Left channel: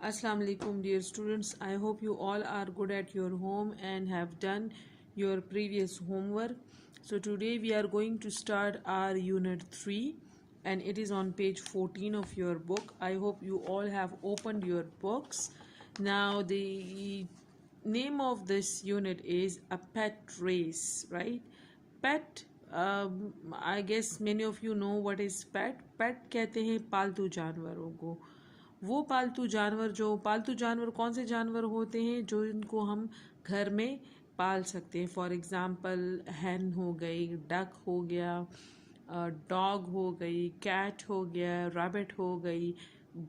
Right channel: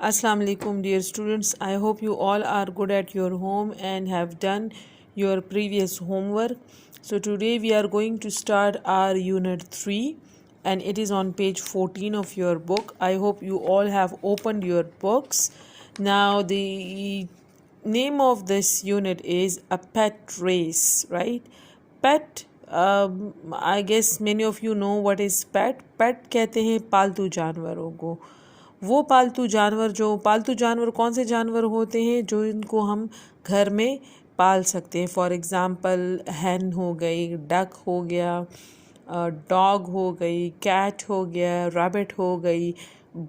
Assalamu alaikum dear students. I hope you all are good at your home and have done your previous homework. So today we are going to start our unit 3 and it is on page 14 of your book. I hope you all have opened your books. Now the name of this unit is a pet race, right? Pet, I guess many of you know what is pet. Pet कहते हैं पालतू जानवरों को। वो पालतू जानवर कौन से जानवर होते हैं जो इनको हम घर में पाल सकते हैं। फॉर एग्ज़ाम्पल हैन हो गई, डक हो गया, डॉग हो गई, कैट हो गया, रैबिट हो गई,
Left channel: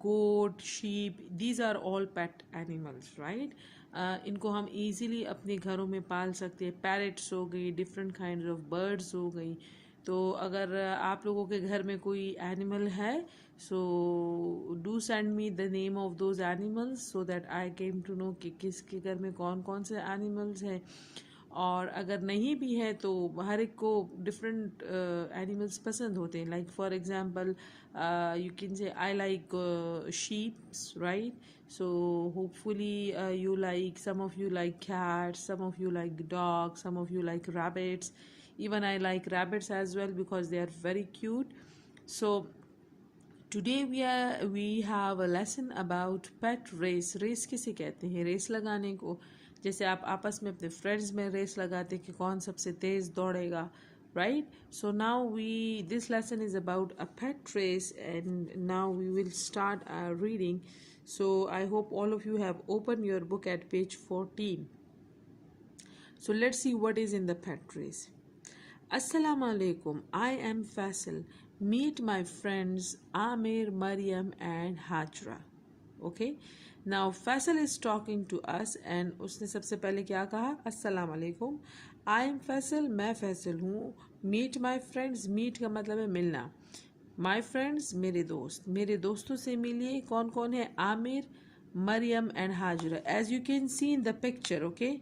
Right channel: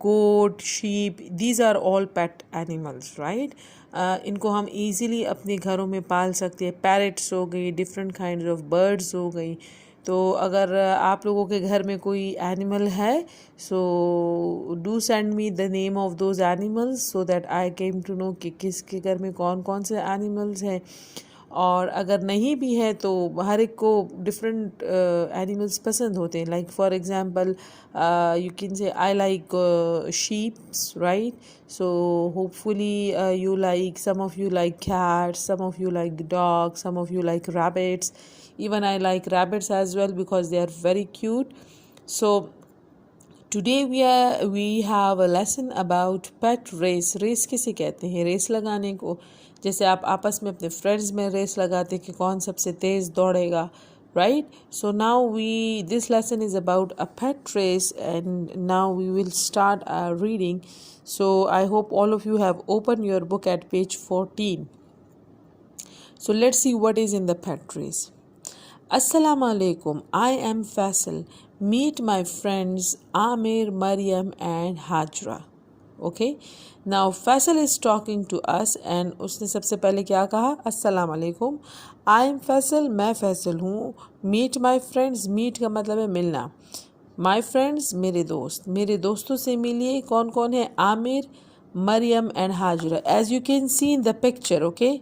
goat, sheep, these are all pet animals, right. इनको हम इजीली अपने घरों में पाल सकते हैं। पैरट्स हो गई, डिफरेंट काइंड्स ऑफ बर्ड्स हो गई। तो अगर आप लोगों के घर में कोई एनिमल है, so do send me the name of those animals so that I came to know कि किसके घर में कौन कौन से एनिमल्स हैं। और अगर नहीं भी है तो हर एक को डिफरेंट एनिमल्स पसंद होते हैं। Like for example you can say I like sheeps, right? So hopefully some of you like cats, some of you like dogs, some of you like rabbits. Even I like rabbits as well because they are very cute. So today we have a lesson about pet race. Race किसे कहते हैं? Race लगाने को। जैसे आप आपस में अपने फ्रेंड्स में रेस लगाते कि कौन सबसे तेज़ दौड़ेगा, right? So now this lesson is about a pet race and now we will start our reading. So I hope all of you have opened your book at page 14. So let's see what is in the pet race. Assalamu alaikum. I am Faisal. Meet my friends Amir, Maryam and Hajra. Okay. Now Faisal is talking to us and उसने सबसे पहले क्या कहा? अस्सलाम वालेकुम। I am Faisal, मैं फैसल हूँ। Meet my friends, meet का मतलब है मिलना। My friends, मेरे दोस्त, मेरे दोस्तों से मिलिए। कौन कौन है? Aamir, Maryam and Hajra. As you can see in the picture, okay?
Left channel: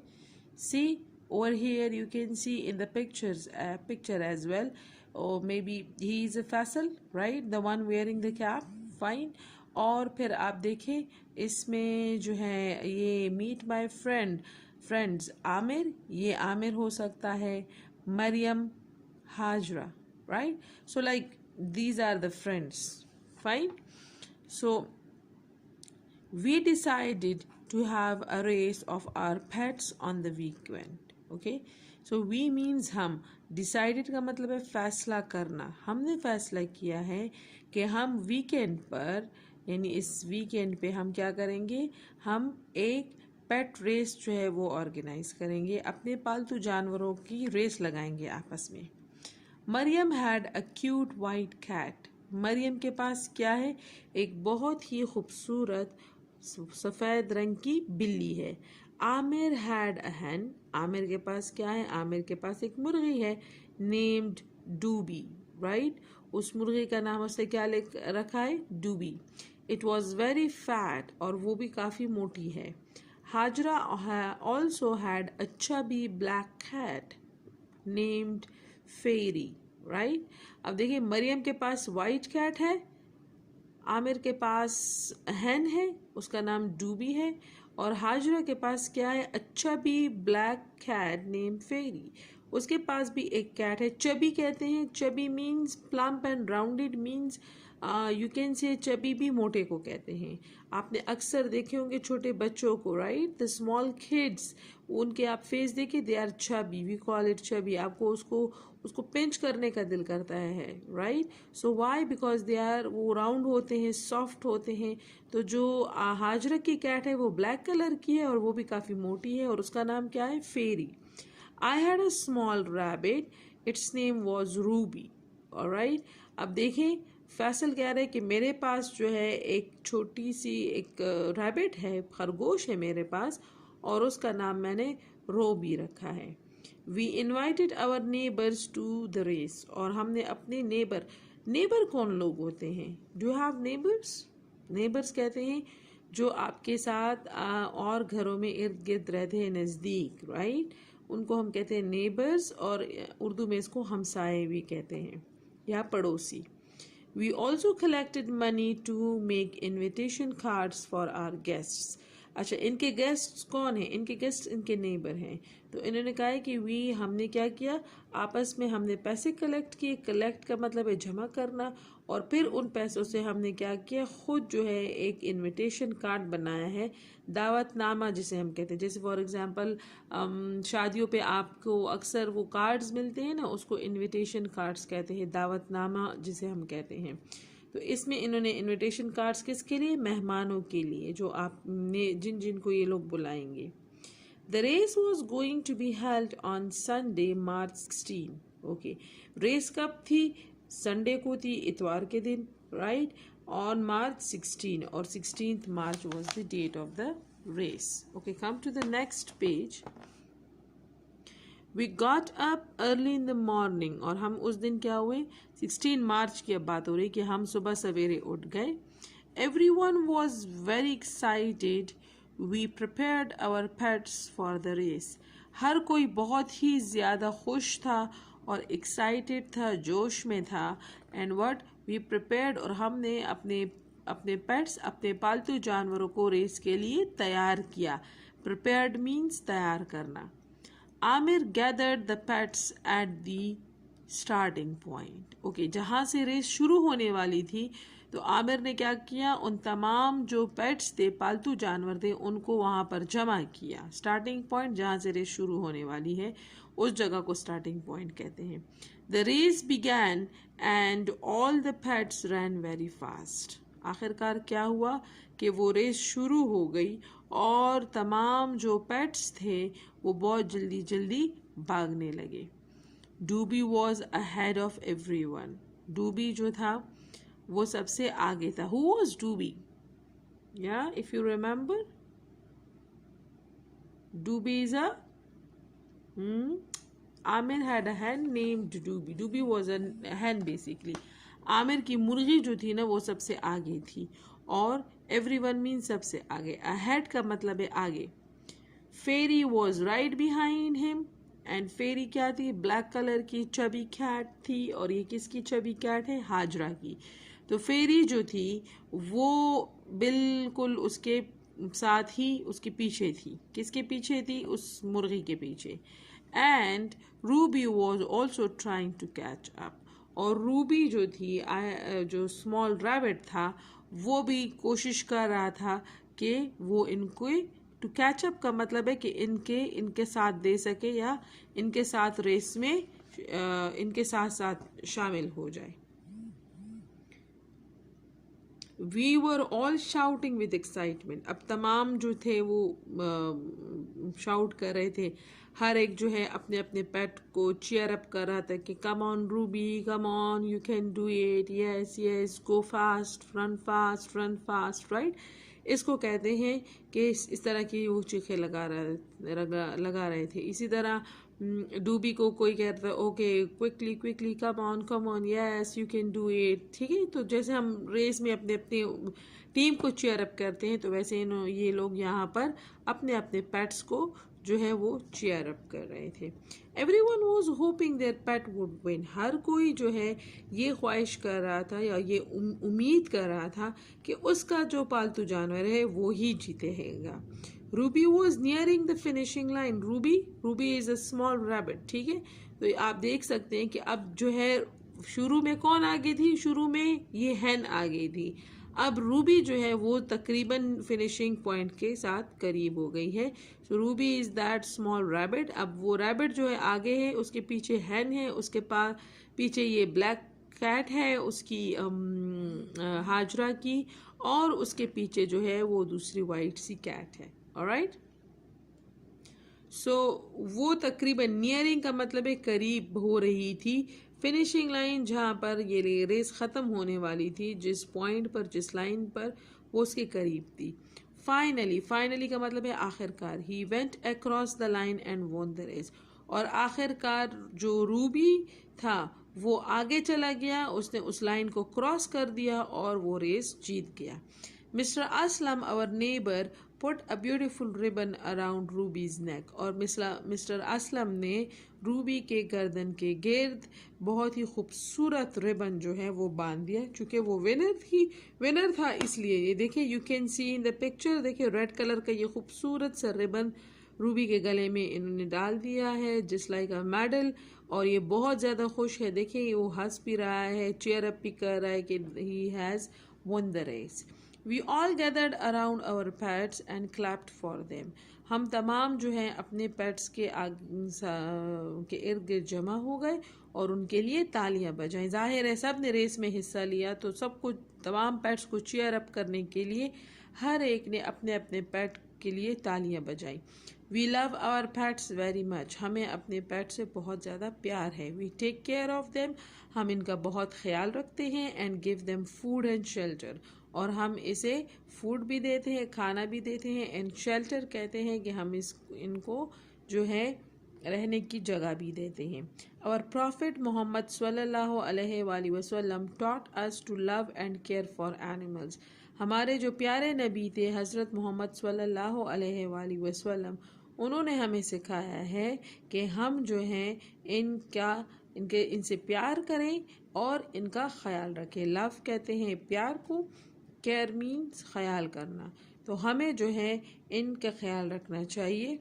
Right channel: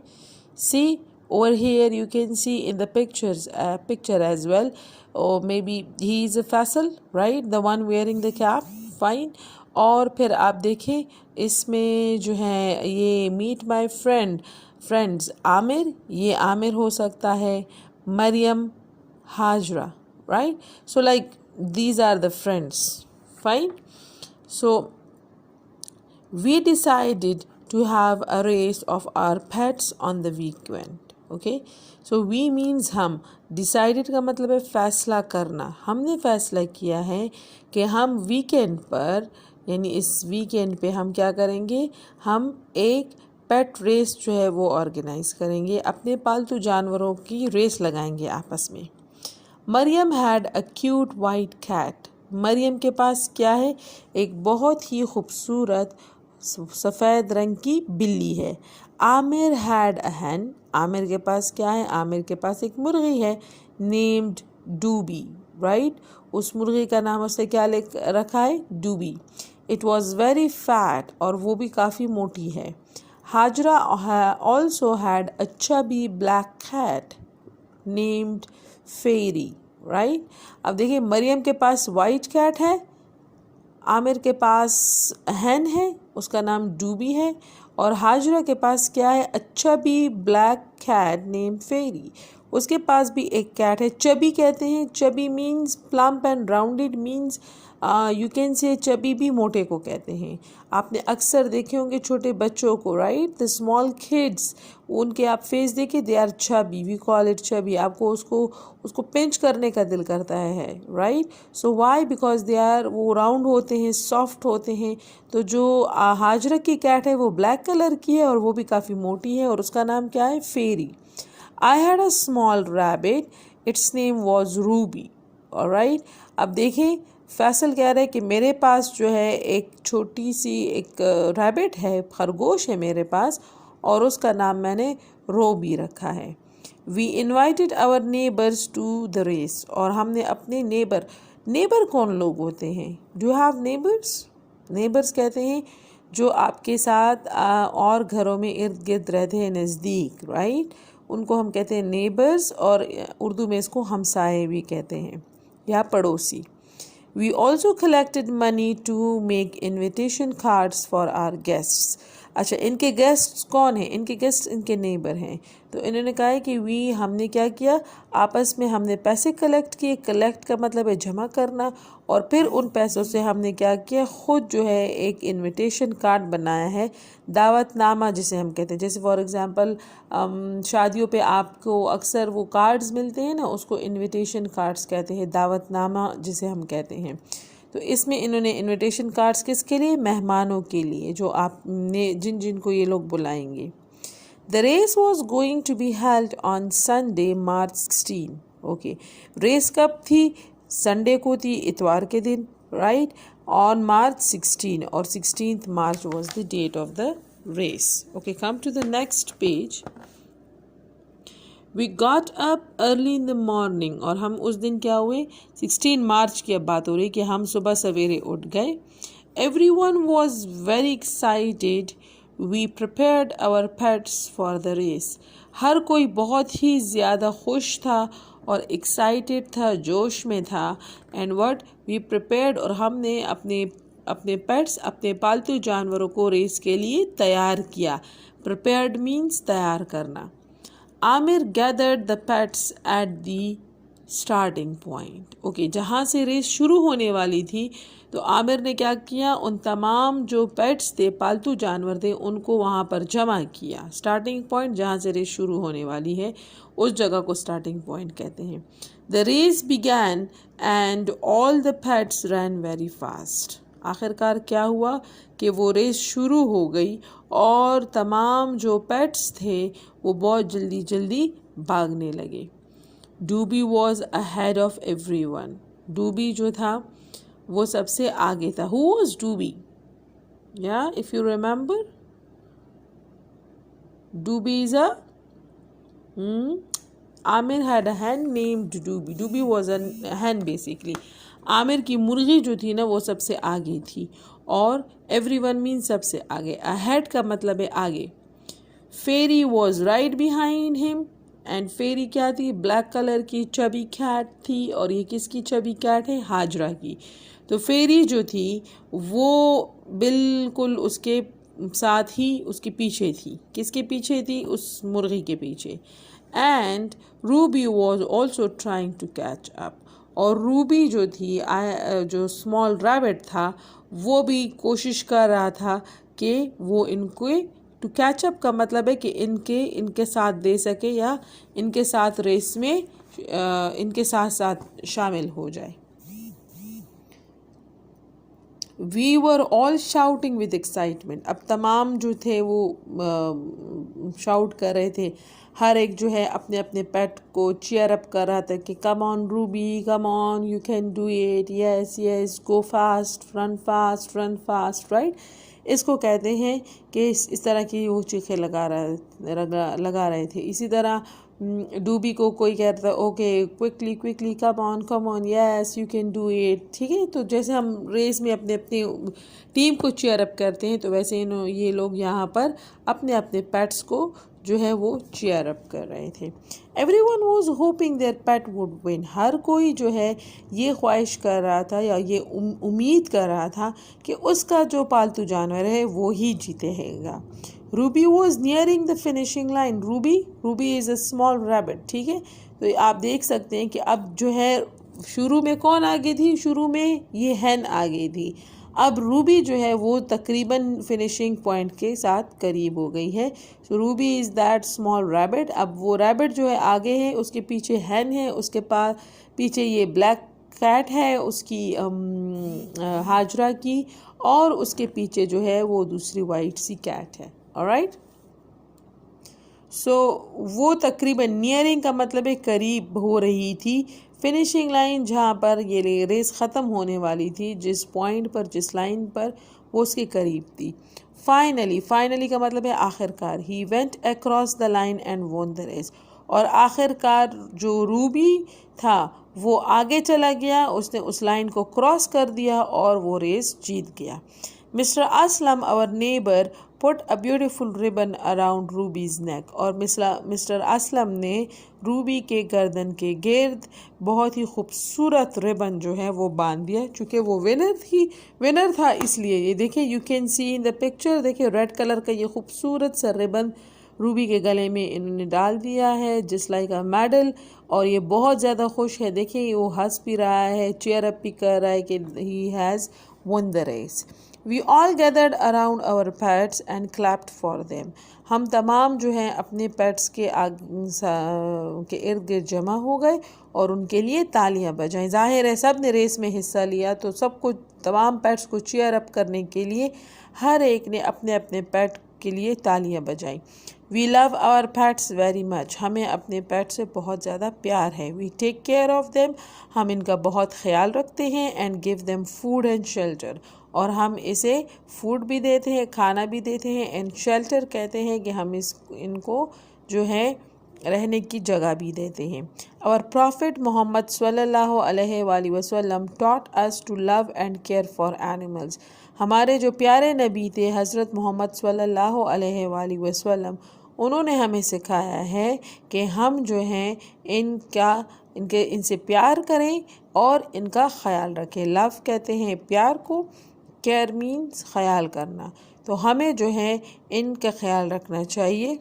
See over here you can see in the picture as well. Or maybe he is a Faisal, right? The one wearing the cap, fine. और फिर आप देखें इसमें जो है ये meet my friends Aamir, ये आमिर हो सकता है, Maryam, Hajra, right? So like these are the friends, fine. So we decided to have a race of our pets on the weekend. Okay, so we means हम, decided का मतलब है फैसला करना। हमने फैसला किया है कि हम वीकेंड पर यानी इस वीकेंड पे हम क्या करेंगे, हम एक पेट रेस जो है वो ऑर्गेनाइज करेंगे, अपने पालतू जानवरों की रेस लगाएंगे आपस में। Maryam had a cute white cat. Maryam के पास क्या है? एक बहुत ही खूबसूरत सफ़ेद रंग की बिल्ली है। आमिर हैड अ हैन। आमिर के पास क्या है? आमिर के पास एक मुर्गी है, नेम्ड डूबी, राइट? उस मुर्गी का नाम उसने क्या लिख रखा है? डूबी। इट वॉज़ वेरी फैट, और वो भी काफ़ी मोटी है। Hajra also had a chubby black cat named Fairy, right? अब देखिए मरियम के पास वाइट कैट है, आमिर के पास हैन है, उसका नाम डूबी है, और हाजरा के पास क्या है? अच्छा भी ब्लैक कैट नेम फेरी, उसके पास भी एक कैट है। चबी कहते हैं, chubby means plump and rounded, means you can say chubby भी मोटे को कहते हैं। आपने अक्सर देखे होंगे छोटे बच्चों को, राइट? द स्मॉल किड्स, उनके आप फेस देखे, they are chubby, we call it chubby. आपको उसको पिंच करने का दिल करता है, right? So why? Because they are, वो राउंड होते हैं, सॉफ्ट होते हैं। तो जो हाजरा की कैट है वो ब्लैक कलर की है और वो भी काफ़ी मोटी है, और उसका नाम क्या है? Fairy. I had a small rabbit, its name was Ruby, alright? अब देखें फैसल कह रहा है कि मेरे पास जो है एक छोटी सी एक रैबिट है, खरगोश है मेरे पास, और उसका नाम मैंने रोबी रखा है। We invited our neighbours to the race, और हमने अपने नेबर कौन लोग होते हैं? Do have neighbours? नेबर्स कहते हैं जो आपके साथ और घरों में इर्द गिर्द रहते हैं, नज़दीक, राइट? उनको हम कहते हैं नेबर्स, और उर्दू में इसको हमसाए भी कहते हैं या पड़ोसी। We also collected money to make invitation cards for our guests. अच्छा, इनके गेस्ट्स कौन हैं? इनके गेस्ट इनके नेबर हैं। तो इन्होंने कहा है कि हमने क्या किया, आपस में हमने पैसे कलेक्ट किए। कलेक्ट का मतलब है जमा करना। और फिर उन पैसों से हमने क्या किया, ख़ुद जो है एक इनविटेशन कार्ड बनाया है, दावतनामा जिसे हम कहते हैं। जैसे फॉर एग्ज़ाम्पल शादियों पे आपको अक्सर वो कार्ड्स मिलते हैं ना, उसको इनविटेशन कार्ड्स कहते हैं, दावतनामा जिसे हम कहते हैं। तो इसमें इन्होंने इनविटेशन कार्ड्स किसके लिए? मेहमानों के लिए, जो आपने जिन जिन को ये लोग बुलाएंगे। The race was going to be held on Sunday, March 16. Okay. Race कब थी? संडे को थी, इतवार के दिन, राइट, on March 16, और 16th March was the date of the race. Okay, come to the next page. We got up early in the morning, और हम उस दिन क्या हुए, 16 मार्च की अब बात हो रही कि हम सुबह सवेरे उठ गए। Everyone was very excited. We prepared our pets for the race. हर कोई बहुत ही ज़्यादा खुश था और एक्साइटेड था, जोश में था। एंड व्हाट वी प्रिपेयर्ड, और हमने अपने पेट्स, अपने पालतू जानवरों को रेस के लिए तैयार किया। प्रिपेयर्ड मीन्स तैयार करना। Aamir gathered the pets at the starting point. Okay, जहाँ से रेस शुरू होने वाली थी तो आमिर ने क्या किया, उन तमाम जो पेट्स थे, पालतू जानवर थे, उनको वहाँ पर जमा किया। स्टार्टिंग पॉइंट जहाँ से रेस शुरू होने वाली है उस जगह को स्टार्टिंग पॉइंट कहते हैं। The race began and all the pets run very fast. आखिरकार क्या हुआ कि वो रेस शुरू हो गई और तमाम जो पेट्स थे वो बहुत जल्दी जल्दी भागने लगे। डूबी वॉज अहेड ऑफ एवरीवन। डूबी जो था वो सबसे आगे था। Who was Doobie? Yeah, if you remember, Doobie is a Amir had a hen named Doobie. Doobie was a hen basically. Aamir की मुर्गी जो थी ना वो सबसे आगे थी, और everyone means सबसे आगे। Ahead का मतलब है आगे। Fairy was right behind him, and Fairy क्या थी? ब्लैक कलर की चबी कैट थी, और ये किसकी चबी कैट है? हाजरा की। तो फेरी जो थी वो बिल्कुल उसके साथ ही उसके पीछे थी। किसके पीछे थी? उस मुर्गी के पीछे। And Ruby was also trying to catch up, और रूबी जो थी, जो स्मॉल रैबिट था, वो भी कोशिश कर रहा था कि वो इनको टू कैच अप का मतलब है कि इनके साथ दे सके, या इनके साथ रेस में इनके साथ साथ शामिल हो जाए। We were all shouting with excitement. अब तमाम जो थे वो शाउट कर रहे थे, हर एक जो है अपने अपने पेट को चीयर अप कर रहा था कि come on Ruby, come on, you can do it, yes yes, go fast, run fast, run fast, right. इसको कहते हैं कि इस तरह की वो चीखें लगा रहे थे। इसी तरह डूबी को कोई कहता है okay quickly quickly, come on, yes you can do it, ठीक है। तो जैसे हम रेस में अपने अपने टीम को चीयर अप करते हैं, तो वैसे ये लोग यहाँ पर अपने अपने पेट्स को जो है वो चीयर अप कर रहे थे। Everyone was hoping their pet would win. हर कोई जो है ये ख्वाहिश कर रहा था या ये उम्मीद कर रहा था कि उसका जो पालतू जानवर है वो ही जीतेगा। Ruby was nearing the finishing line. Ruby is a small rabbit, ठीक है। तो आप देख सकते हैं कि अब जो है शुरू में कौन आगे थी? शुरू में ये हैन आगे थी। अब रूबी जो है वो तकरीबन फिनिशिंग पॉइंट के साथ करीब हो गई है। So Ruby is that small rabbit. अब वो रैबिट जो है आगे है, उसके पीछे हैन है, उसके पास पीछे ये ब्लैक कैट है उसकी हाजरा की, और उसके पीछे जो है वो दूसरी वाइट सी कैट है। ऑलराइट, सो वो तकरीबन नियरिंग का मतलब है करीब हो रही थी। फिनिशिंग लाइन जहाँ पर ये रेस ख़त्म होने वाली थी, जिस पॉइंट पर, जिस लाइन पर, वो उसके करीब थी। फाइनली का मतलब है आखिरकार। He went across the line and won the race. और आखिरकार जो रूबी था वो आगे चला गया, उसने उस लाइन को क्रॉस कर दिया और वो रेस जीत गया। Mister Aslam our neighbour put a beautiful ribbon around Ruby's neck. और मिस्टर असलम ने रूबी के गर्दन के गिर्द बहुत ही खूबसूरत रिबन जो है वो बांध दिया, चूँकि वो विनर था इसलिए। ये देखिए, you can see in the picture, देखिए रेड कलर का ये खूबसूरत सा रिबन रूबी के गले में इन्होंने डाल दिया है, जस्ट लाइक अ मेडल। और ये बहुत ज़्यादा खुश है, देखिए वो हंस भी रहा है, चेयर अप भी कर रहा है कि he has won the race. We all gathered around our pets and clapped for them. हम तमाम जो हैं अपने पेट्स के इर्द गिर्द जमा हो गए और उनके लिए तालियां बजाएं। जाहिर है सब ने रेस में हिस्सा लिया, तो सबको, तमाम पेट्स को चीयर अप करने के लिए हर एक ने अपने अपने पेट के लिए तालियां बजाई। We love our pets very much, हमें अपने पेट से बहुत ज़्यादा प्यार है। We take care of them, हम इनका बहुत ख्याल रखते हैं। And give them food and shelter, और हम इसे फूड भी देते हैं, खाना भी देते हैं। एंड शेल्टर कहते हैं कि हम इनको जो है रहने की जगह भी देते हैं। आवर प्रॉफिट मोहम्मद सल्लल्लाहु अलैहि वसल्लम taught us to love and care for animals, हमारे जो प्यारे नबी थे हज़रत मोहम्मद सल्लल्लाहु अलैहि वसल्लम, उन्होंने हमें सिखाया है कि हम जो हैं इनसे प्यार करें और इनका ख्याल रखें। लव कहते हैं प्यार को, केयर मीन्स ख्याल करना, तो हमें जो है इनका ख्याल रखना चाहिए।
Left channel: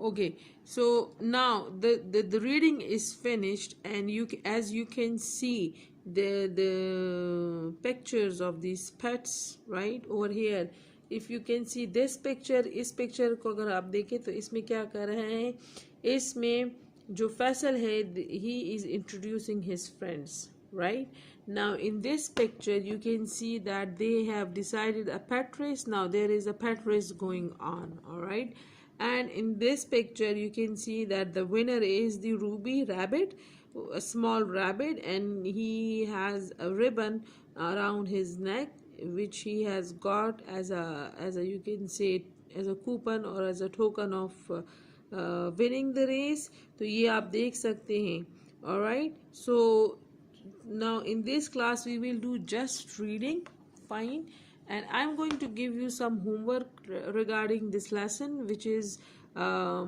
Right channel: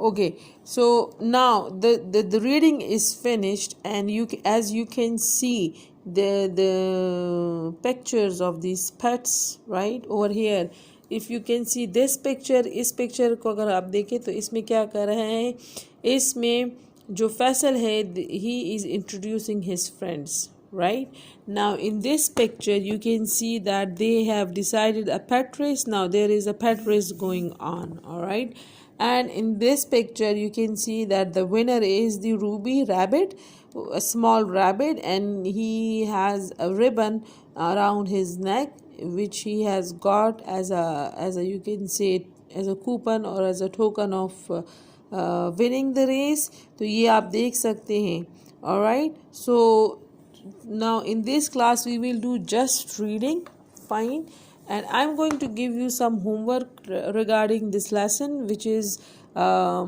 Okay, so now the reading is finished, and as you can see the pictures of these pets right over here. If you can see this picture, इस picture को अगर आप देखें तो इसमें क्या कर रहे हैं, इसमें जो फैसल है he is introducing his friends, right? Now in this picture you can see that they have decided a pet race. Now there is a pet race going on, all right? And in this picture you can see that the winner is the ruby rabbit, a small rabbit, and he has a ribbon around his neck which he has got as a you can say as a coupon or as a token of winning the race. तो ये आप देख सकते हैं, alright? So now in this class we will do just reading, fine, and I'm going to give you some homework regarding this lesson, which is a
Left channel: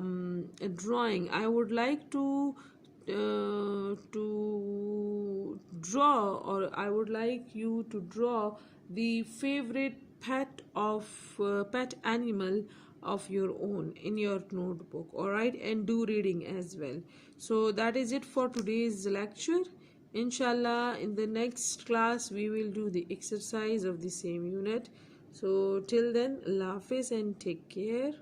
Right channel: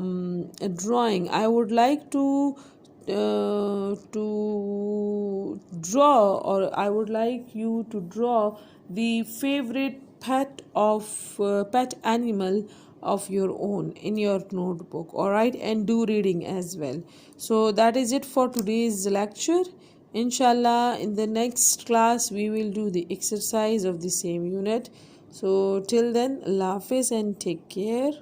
drawing. I would like to draw, or I would like you to draw the favorite pet animal of your own in your notebook, all right, and do reading as well. So that is it for today's lecture. Inshallah, in the next class we will do the exercise of the same unit. So till then, Allah Hafiz and take care.